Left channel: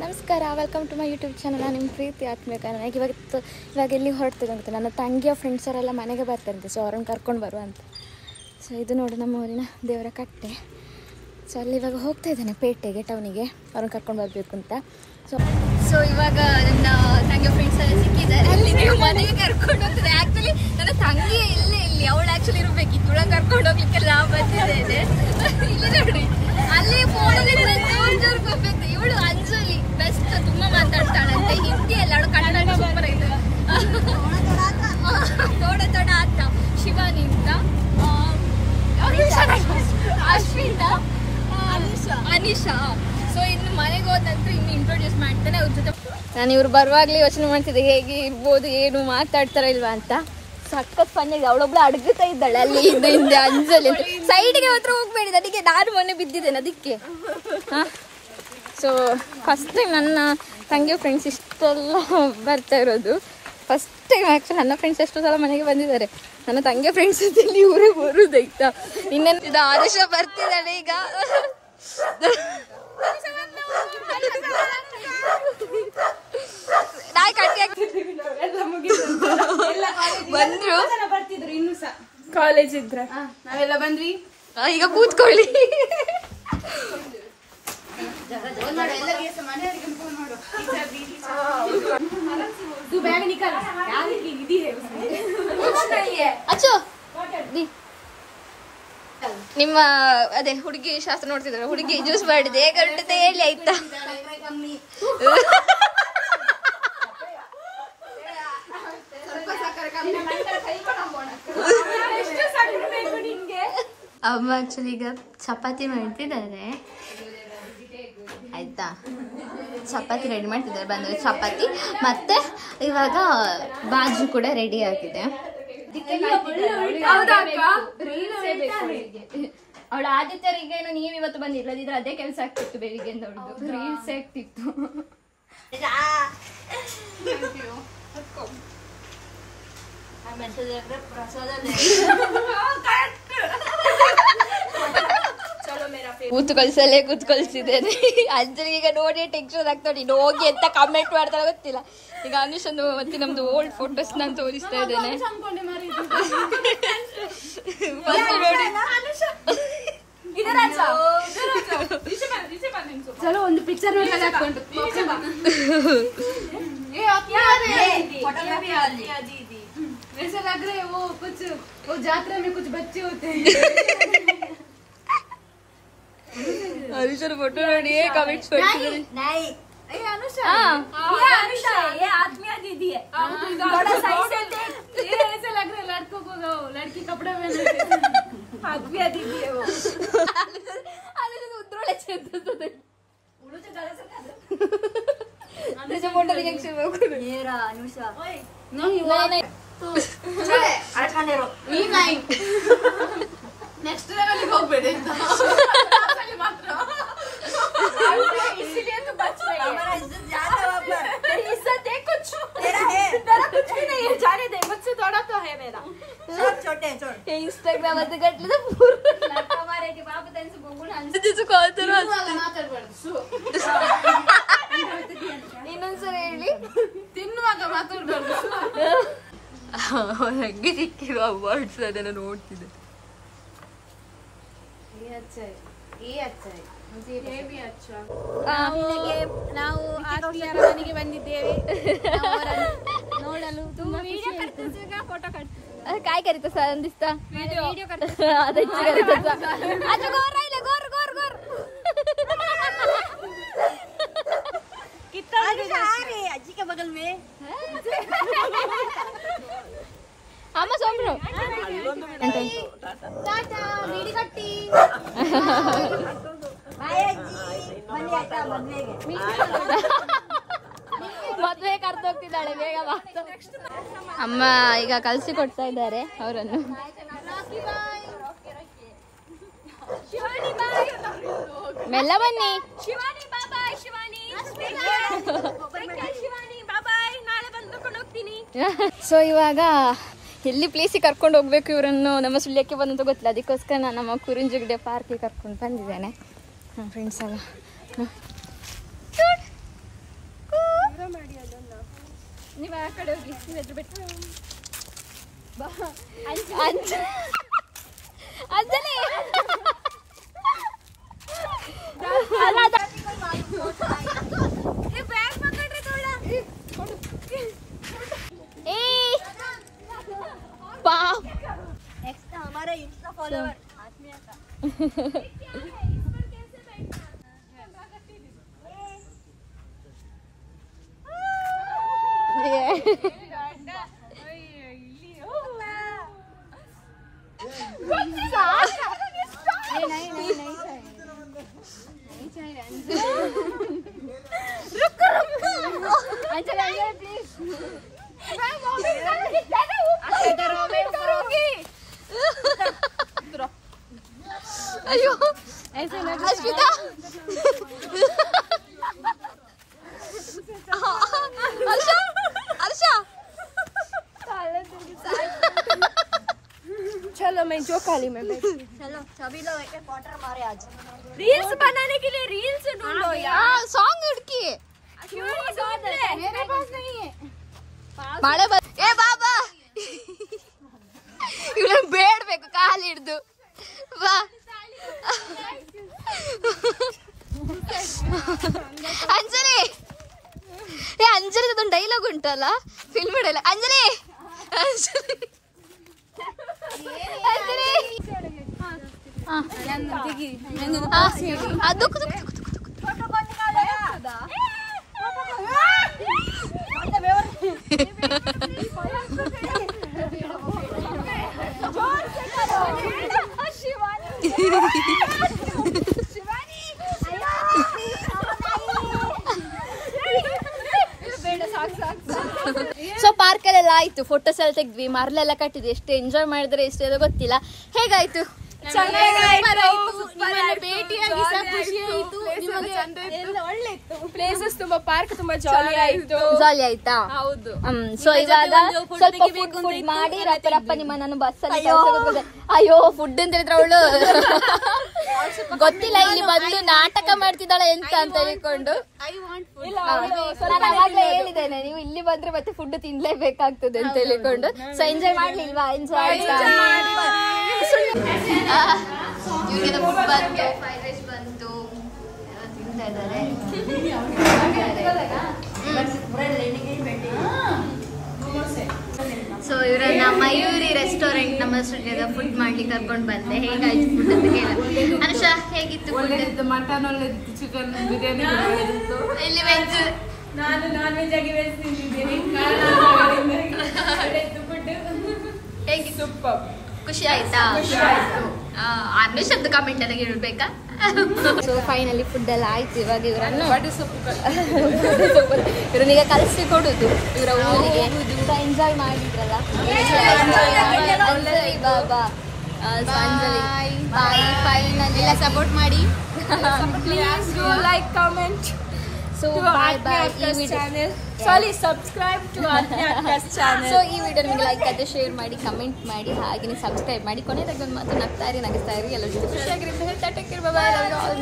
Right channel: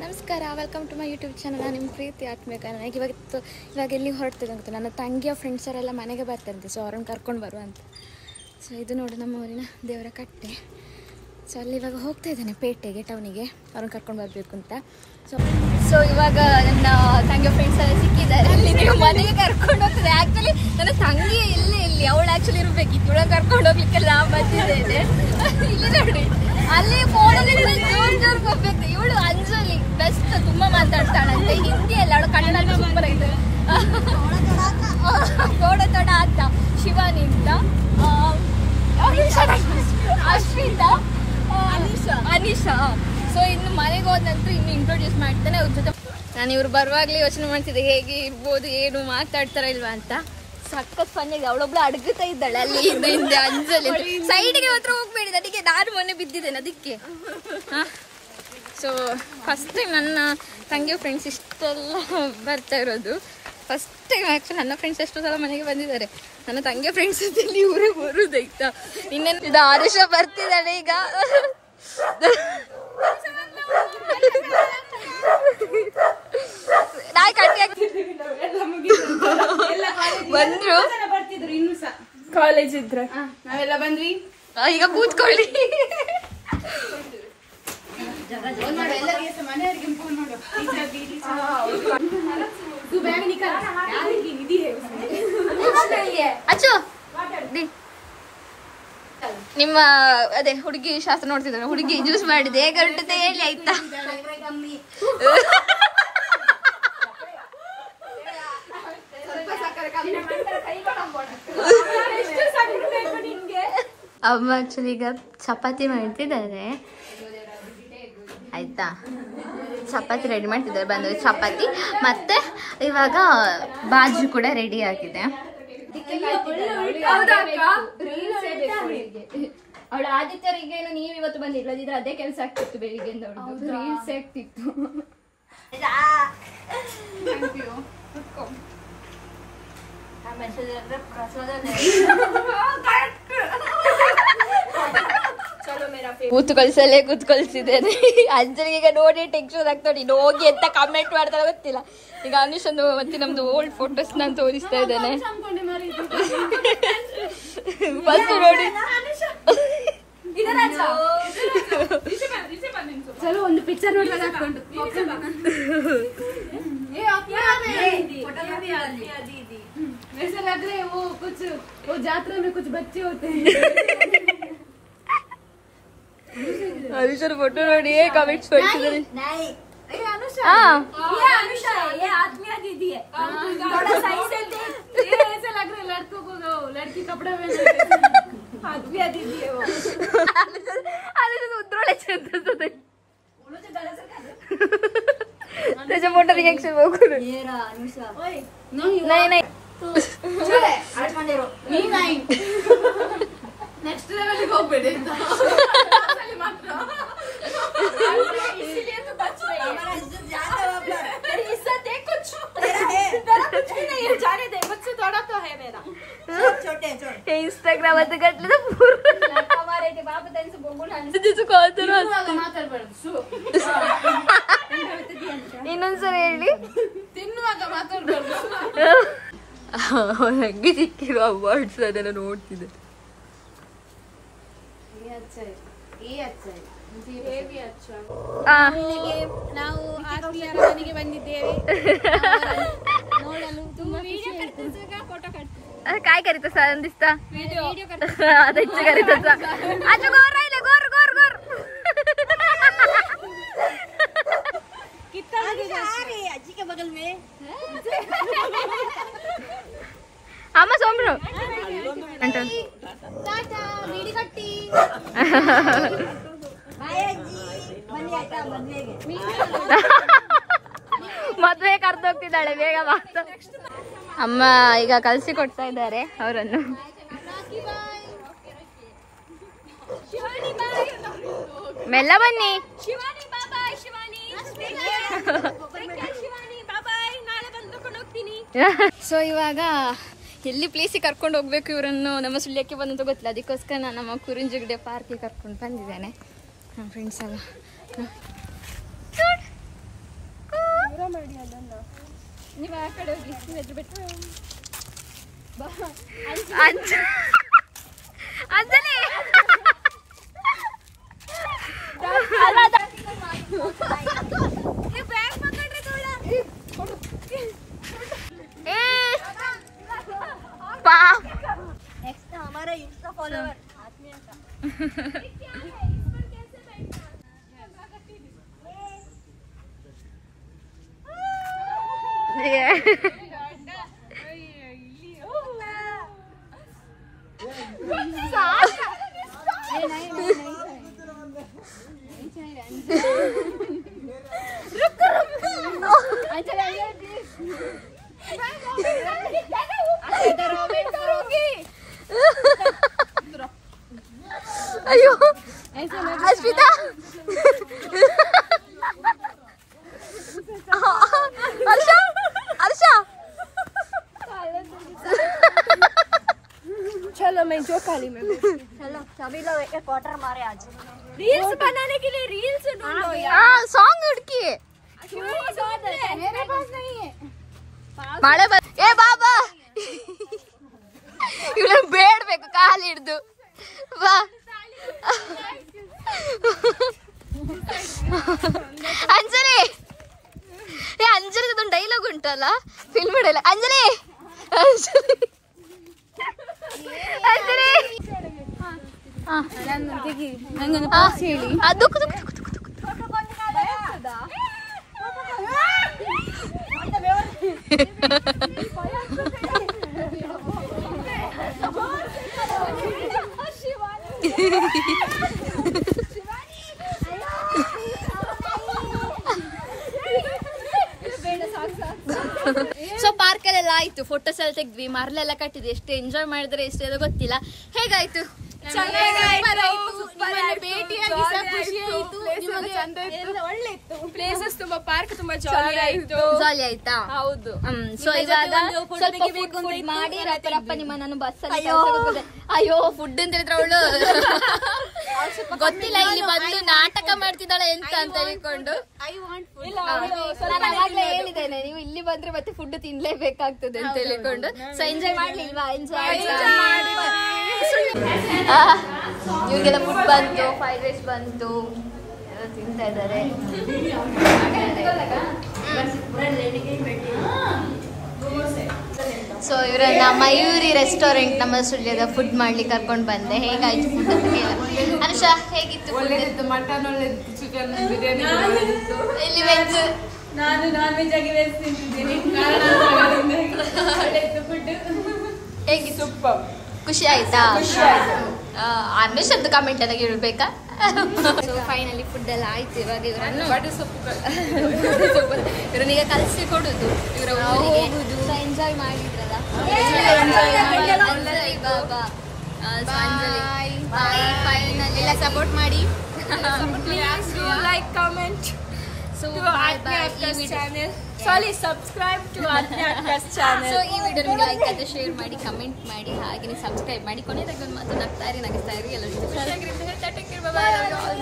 ನಮಸ್ಕಾರ, welcome to my YouTube channel. ನಾನು ನಿಮ್ಮ ಪ್ರೀತಿ ಆತ್ಮೀಯ. ನನಗೆ ಇವಾಗ ಎಲ್ಲಿ ಹೊರಡ್ತಿದ್ದೆ ಅಂತ ನನ್ನ ತಂಗಿಯ ಫ್ರೆಂಡ್ಸರೆಲ್ಲ ಮನೆಗೆ ಬರ್ತಾರಂತೆ. ಸೊ ಅವ್ರನ್ನ ಕರ್ಕೊಂಡು ಬರುವ ಅಂತ. ಸೊ ಇದು ನೋಡಿ ನಮ್ಮ ಊರಿನ ದೇವರ ಕಟ್ಟೆ. ಸೊ ಅಲ್ಲಿ ಇವಾಗ ಹೋಗ್ತಾ ಇದ್ದಾನೆ ಪೇಟೆಗೆ, ಟೌನಿಗೆ, ಅವ್ರನ್ನ ಕರ್ಕೊಂಡು ಬರಬೇಕು ಅಂತ. ಸೊ ಇವಾಗ ನನ್ನ ತಂಗಿಯ ಫ್ರೆಂಡ್ಸ್ ಎಲ್ಲ ಸಿಕ್ಕಿದ್ದಾರೆ. ಅಲ್ಲಿ ನೀವು ಮನೆಗೆ ಕರ್ಕೊಂಡು ಹೋಗ್ತದೆ. ಆ್ಯಕ್ಚುಲಿ ನನ್ನ ತಂಗಿ ಇಲ್ಲೇ ಇಲ್ಲಿ, ಅವಳು ಆ್ಯಕ್ಚುಲಿ ಇರಬೇಕಿತ್ತು. ಇವಳ ಕರ್ಕೊಂಡು ಹೋಗ್ಲಿಕ್ಕೆ ನಾ ಬಂದಿದ್ದೇನೆ. ನೋಡಿ ಅಲ್ಲಿ ಫೋನಲ್ಲಿ ಜೋರು ಬರ್ಬೇಕು. ಇವಳು ಅಂಜಲಿ ಬೆಸ್ಟ್, ತುಂಬಾ ಮಾತಾಡ್ತಾಳಂತೆ. ಹಿಂದಿ ಅಲ್ಲ, ಅವಳು ಕನ್ನಡ ಸೂಪರ್ ಆಗಿದೆ. ತೋಡ ತೋಡ ಅಂತ ಶಿವಾನಿ ಅಂತ, ಅಶ್ವಿತಾ, ಅನಿಶಾ. ಸೊ ಇನ್ನು ಮನೆಗೆ ಹೋದ ನಂತರ ಇನ್ನು ಇಂಟ್ರೊಡ್ಯೂಸ್ ಮಾಡ್ತಾನೆ. ಅವ್ರ ಜೊತೆ ನಾನು ಇವ್ರು ಬರುವಾಗಲೇ ಯೋಚನೆ ಮಾಡ್ತಿದ್ದೆ ಹೇಗೆ ಇರ್ಬೋದು, ಏನು ಮಾತಾಡ್ತಾರ ಇಲ್ವಾ ಅಂತ. ಸಖತ್ ಫನ್ ಇದೆ. ಅವಳೊಬ್ಳು ಅಡಗುತ್ತಾ ಇದ್ದಾಳೆ ಅಲ್ಲಿ ಹಿಂದೆ ಅಂಜಲಿ ಅಂತ. ಸೈಡ್ಗೆ ಮಾತ್ರ ಹೋಗ್ಬೇಡಿ, ಅದಕ್ಕೆ ನಾನು ಮೊನ್ನೆ ಬಿದ್ದಿದ್ದೇನೆ ಅದಕ್ಕೆ. ಸೊ ಫಸ್ಟ್ ಟೈಮ್ ನನ್ನ ತಂಗಿ ಫ್ರೆಂಡ್ಸ್ ಇಷ್ಟೆಲ್ಲ ಬರ್ತಾ ಇರೋದು ಫಸ್ಟ್ ಟೈಮ್. ಆ್ಯಕ್ಚುಲಿ ನನ್ನ ಫ್ರೆಂಡ್ಸ್ ಎಷ್ಟೋ ಸಲ ಮನೆಗೆ ಬಂದಿದ್ದಾರೆ. ನನ್ನ ತಂಗಿಯ ಫ್ರೆಂಡ್ಸ್ ಇಲ್ಲಿ ಇವರೇ ಬರುದಾಯ್ತಾ. ಇನ್ನೇನು ಆದೇಶ ಬರ್ತಿದ್ದಾಳೆ ಈಗ. ಬಂದ್ರು ಕಾಲೇಜ್ ಇದ್ರ ನಾವೆಲ್ಲ ಬಂದ್ವಿ. ಈಗ ಕೂತ್ಕೊಳ್ಳಿ. ನಿಮ್ಮ ಅದೇ ಹುಡುಗಿ ಶಾಸ್ತ್ರ ನೋಡ್ತಿದ್ದಾರೆ. ಹುಡುಗಿ ಜ್ಯೂಸ್ ಮಾಡಿದೆ, ಹೇಗೆ ಹೊರಟತೆ ಹೇಳಿ ಆಯ್ತಾ. ಅಮ್ಮ ಆಕ್ಚುಲಿ ಈಗ ಚಪಾತಿ ಮಾಡ್ತಿದ್ದಾರೆ ಆಯ್ತಾ. ಚಪಾತಿ ರೆಡಿ ಮಾಡ್ತಿದ್ದಾರೆ. ಬಂದ್ರೆ ಚಪಾತಿ ಮತ್ತೆ ಇವಾಗ ಬಾಜಿ ಕೂಡ ರೆಡಿ ಆಗಿದೆ. ಅವಳ ಆದಿತ್ಯರಿಗೆ ನೀವ್ ಇವತ್ತು ಬಂದಿಲ್ಲದಿದ್ರೆ ಅದೇ ಕೆಲಸ ಆಗ್ತಿತ್ತು. ಬೆಳಿಗ್ಗೆ ರೀಲ್ಸ್ ಆಗ್ತಿತ್ತು. ಕೂತ್ಕೊಳ್ಸಲೇ ಕೂತ್ಕೊಳ್ಸಿದ್ದೇನೆ. ಅಂಜಲಿಗೆ ಈಗ ನೋಡಿ ಟೆನ್ಷನ್ ಆಗ್ತಾಳೆ. ಇನ್ನು ಹೋಗಿ ಎಂತ ಕಮೆಂಟ್ ಮಾಡ್ತಾಳೆ ಗೊತ್ತಿಲ್ಲ. ಈಗ ಅನುಷಂದು ಮತ್ತೆ ನಮ್ದು ಓಲ್ಡ್ ಫೋಟೋಸ್ ನಾನು ತೋರಿಸ್ತಾ ಇದ್ದೇನೆ. ಫಸ್ಟ್ ನೋಡಿ ಚಲೋ ಒಂದು ಪಿಕ್ಚರ್ ನೋಡ್ದಾಗ ಹಾಕೊಂಡು वैसे लग रहे हैं वो यात्रा में कुछ बच्चे होते हैं. अनुषा फोटो ನೋಡಿ कमेंट्स ಮಾಡ್ತಿದ್ದಾರೆ. ये अनुषा ये आत्मिया दीदी है. थोड़ा सही से ये ऐसे लग रहा है लड़कों को लड़की कपड़ा में आत्मिया दीदी है वो. अनुषा उद्रोळे चंदसते त्याच्या मोठा रिएक्शन बघू. ये रहा अनुषा. नहीं नेक्स्ट लेवल को होगಬೇಡಿ. इसलिए तो बच रही है. हमारा इज्जत जाता है बाबा. तेरी इज्जत है कुछ तेरा है. तेरा कुछ भी नहीं है. जाने दे, मुझसे थोड़ा तो है मेरा. छोटे हे इंस्टाग्राम मध्ये घटलं तर पूर्ण हमारे के बाप त्यांचं बघून त्याचं कळतं ना. ಮಾತಾಡಬಾರದು. ಇನ್ನೊಂದ್ಸಲ ಹೇಳಿ. ತಿನ್ನುವಾಗ ಮಾತಾಡಬಾರದು. ಹೆಂಗೆ ಸಿಕ್ಕಿರೋ ಅವಾರ್ಡ್ಸ್ ಅದನ್ನ ನೋಡ್ತಿದ್ದೆ. ನಾವು ಆತ್ಮೀಯರ ಮನೆಗೆ ಬಂದಿದ್ದೇವೆ. ನೋಡಲು ತುಂಬಾ ಫೋಟೋ काय करीत असा दिसता व्हिडिओ करीत असा. अच्छा गोर राहिले गोर गोर गोर कितना आजी के बगल में अम्मा सोमरो टाटा बीड़ी कट्टी ಮದುವೆ ಕರ್ದು ಹೋಗ್ತಿದ್ದಾಳೆ ಬೇಗ ಮಾತು. ಅಮ್ಮ ಈಗ ಕಲ್ಸಿ ಕೊಡ್ತಾ ಇದ್ದಾರೆ ಅವರನ್ನು. ಮೆಲ್ಲ ಬನ್ನಿ. ಸೊ ಇವಾಗ ಎಲ್ಲಿ ಪ್ಲೇಸಿಗೆ ಕರ್ಕೊಂಡು ಹೋಗ್ಬೇಕು ಇವರನ್ನು ನಮ್ಮ ಸುಳ್ಯಕ್ಕೆ ಬಂದಂತ ಗೊತ್ತಿಲ್ಲ. ಅದಕ್ಕೋಸ್ಕರ ನಾನು ನಮ್ಮ ಕುರಿಂಜಗಡೆ ಪಾರ್ಕಿಗೆ ಕರ್ಕೊಂಡು ಬಂದಿದ್ದೇನೆ. ನಮ್ಮ ಫ್ರೆಂಡ್ಸ್ ಎಲ್ಲ ನೀವು ಆ ಕಡೆ ಹೋಗಿ ನೀವು ಎದುರು ಬಿಟ್ಟು ಅಂಜಲಿ नेक्स्ट हमारा इंस्टा फॉलोवर आत्मीय का अयो ऐसे अर्पिता अर्षा चलो मैं जो काली में चलो सभी लोग एक क्वार्टर मारे आज रील्स बनाने के लिए रील्स ढूंढो यार सॉन्ग हुडकिए मेरे पास नहीं है ಮಳೆ ಏ ಬಾಬಾ ಇವಳು ಬೇಡ್ಬೇಕು ಕಾಲು ಹಿಡ್ದು ಬಾ ಅಂಜಲಿ ಏ ಅಂಜಲಿಗೆ ಅದೊಂದು ಡೈಲಾಗ್ ಉಂಟಲ್ಲ ಫಿಲ್ಮ್ ಡೈಲಾಗ್ ಅಂಜಲಿ ಅಂಜಲಿ ಅಂಜಲಿ ದುಃಖ ಸೊ ಪಾರ್ಕ್ ಅಲ್ಲೆಲ್ಲ ಆಯ್ತು, ಫೋಟೋಸ್ ಎಲ್ಲ ತೆಗ್ದ್ವಿ, ಮರಳೆಲ್ಲ ಕಟ್ಟಿದ್ವಿ, ಎಷ್ಟು ಎಂಜಾಯ್ ಮಾಡಿದ್ರೆ ಎಷ್ಟು ಎಲ್ಲ ಗೊತ್ತಿಲ್ಲ. ಹೇಗಾಯ್ತು? ಪ್ಲೇಸಸ್ ತುಂಬಾ ಪಾರ್ಕ್ ತುಂಬಾ ಜಾಲಿ ಆಯ್ತು. ಜಾಲಿ ಆಯ್ತಾ? ಹೌದು. ಸೊ ಇವಾಗ ಸ್ವಲ್ಪ ಫುಡ್ ಮಾಡಿ ರಪ್ಪ ನಿಮ್ಮ ನಾನು ಬಸ್ಸಲ್ಲಿ ಅಯ್ಯೋ ಫುಡ್ ಅಂತ ಹೇಳಿದ್ರೆ ಅವಳು ಗೊತ್ತಿಲ್ಲ ಇಲ್ಲಿ ಬಂದು ನಾಟಕ ಮಾಡ್ತಿದ್ದಾಳೆ ಎಂತ ಅಂತ ಹೇಳಿಕೊಂಡು ನಾನು ಅವಾಗ್ಲೇ ಹೇಳಿದ್ದೇನೆ, ನೀವು ಇಲ್ಲಿ ಬಂದ್ರೆ ಮತ್ತೆ ಫುಡ್ ತಿನ್ಲೇಬೇಕಾಗ್ತದೆ ಅಂತ ಹೇಳಿಕೊಂಡು. ಸೊ ಎಂಜಾಯ್ ಮಾಡ್ಲಿಲ್ವಾ? ಎಂಜಾಯ್ ಇವ್ರಿಗೆಲ್ಲ ಫುಡ್ ಬಂತು, 5 days ಬಂತು, ತಿಂತಾ ಇದ್ದಾರೆ. ಸೊ ಇವರನ್ನ ಮಯೂರಿ ರೆಸ್ಟೋರೆಂಟ್ ನಮ್ಮ ಸ್ಟುಡಿಯೋಗೆ ಫುಡ್ ಮಾಡ್ಲಿಕ್ಕೆ ಕರ್ಕೊಂಡು ಬಂದೆ. ಹೇಗಾಯ್ತು ಫುಡ್ ಅಂತ ಹೇಳಿ. ಹರ್ಷ ಹೇಗಿತ್ತು? ಒಳ್ಳೆದಿತ್ತು, ಮಟನ್ ಒಳ್ಳೆದಿತ್ತು, ಚಿಕನ್ ಬಿರಿಯಾನಿ ಒಳ್ಳೆದಿತ್ತು. ಇಲ್ಲಿ ವೆಜ್, ನಾನು ನಾನ್ ವೆಜ್ ಆಗಿ ವೆಜ್ ತಿಂತಿದ್ದೀನಿ. ಹೇಗಿತ್ತು? ಸೂಪರ್. ಖುಷಿ ಆಯ್ತಾ? ಅನ್ವೇಷ್ ಅಂತ ಕಮೆಂಟ್ ಎಲ್ಲ ಇಡ್ಬೇಕಾ? ಸೊ ಫೈನಲಿ ಫುಡ್ ಎಲ್ಲ ಆಯ್ತು. ಇವಾಗ ಇವರನ್ನು ಇವರನ್ನೀಗ ಕಲಿಸಿ ಕೊಡುದು ಇವರ ಊರಿಗೆ. ಎಂಜಾಯ್ ಮಾಡಿದ್ರಲ್ಲ, ಬಾಬಾ ಎಲ್ಲ ಸಪೋರ್ಟ್ ಮಾಡಿ. Like, comment so subscribe to channel. So ಈ ವಿಡಿಯೋ ನಿಮಗೆ ಲೈಕ್ ಆದ್ರೆ ಶೇರ್ ಮಾಡಿ, ಕಮೆಂಟ್ ಮಾಡಿ, ಹಾಗೆ ಸಬ್ಸ್ಕ್ರೈಬ್ ಮಾಡಿ. ಕೊನೆಯದಾಗಿ ಒಂದು ಮಾತು, ನಗ್ತಾ ಇರಿ, ನಗಿಸ್ತಾ ಇರಿ, ಎಲ್ಲರ ಜೊತೆ ಖುಷಿಯಾಗಿರಿ ಅಂತ ಹೇಳ್ತಾ take care, bye bye, love you all.